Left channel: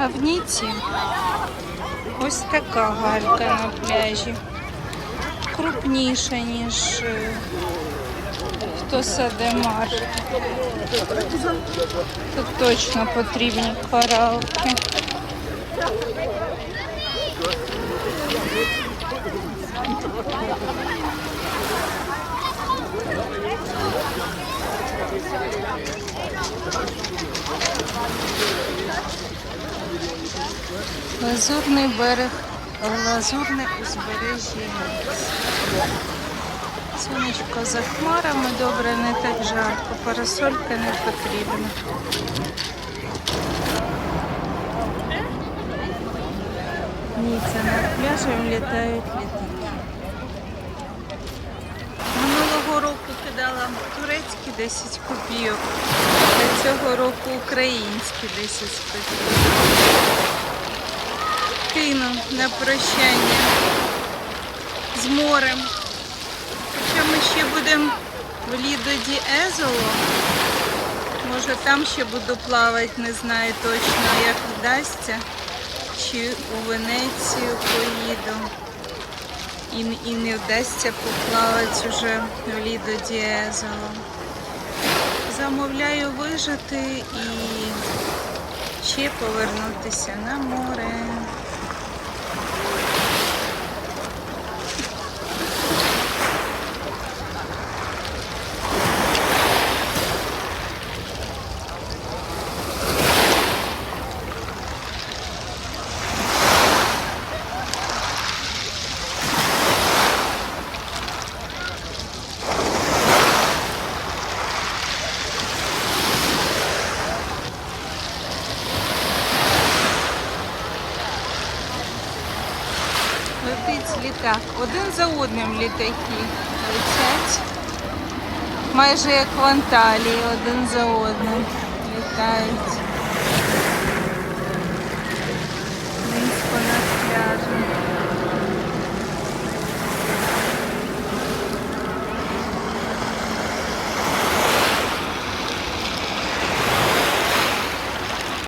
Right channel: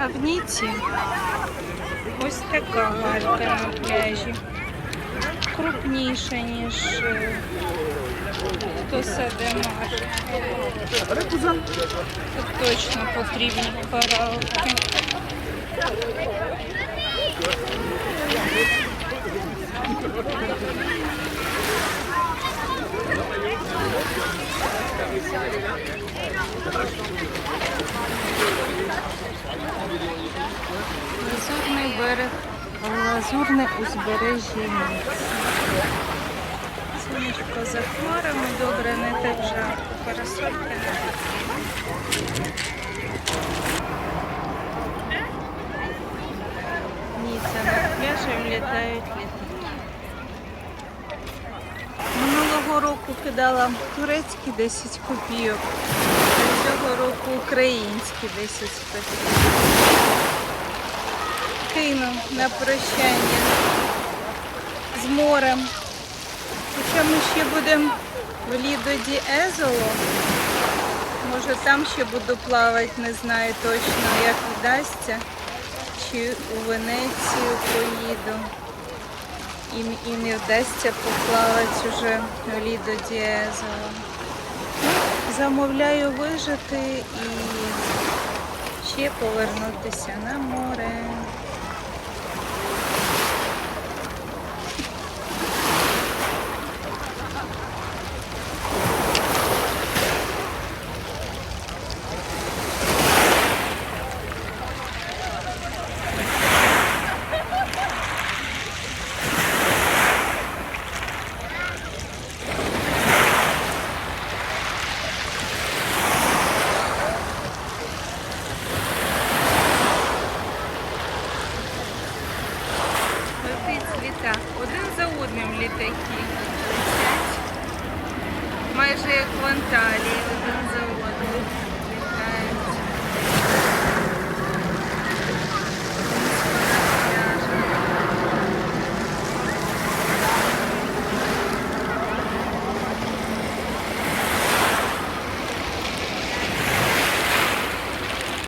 А в Ніці ось така галька на пляжі. Крупніша, ніж е, Тосадемар. Тут точно потрібні коралки. Лазурний берег, лазурне узбережжя. Сонечко за хмарами, добре, не так жарко, парасолька не потрібна. Ні, це над пляжем літають літаки. Минулого року кидала турецькі 10 копійок, а цього року українські 10 копійок. Кину на прощання з морем. Хоча ми ще будемо в Лідо Ді Езоло. Може там ще буду плавати, не знаю точно, як вдасться. Чи у Венецію поїду. І, і не вдасться поплавати вже в Лідо Ді Езоло. Замовляю вижити і ще повернутися на море. Летить літак. Один за одним літаки летять. Майже як в Анталії, один за одним літають.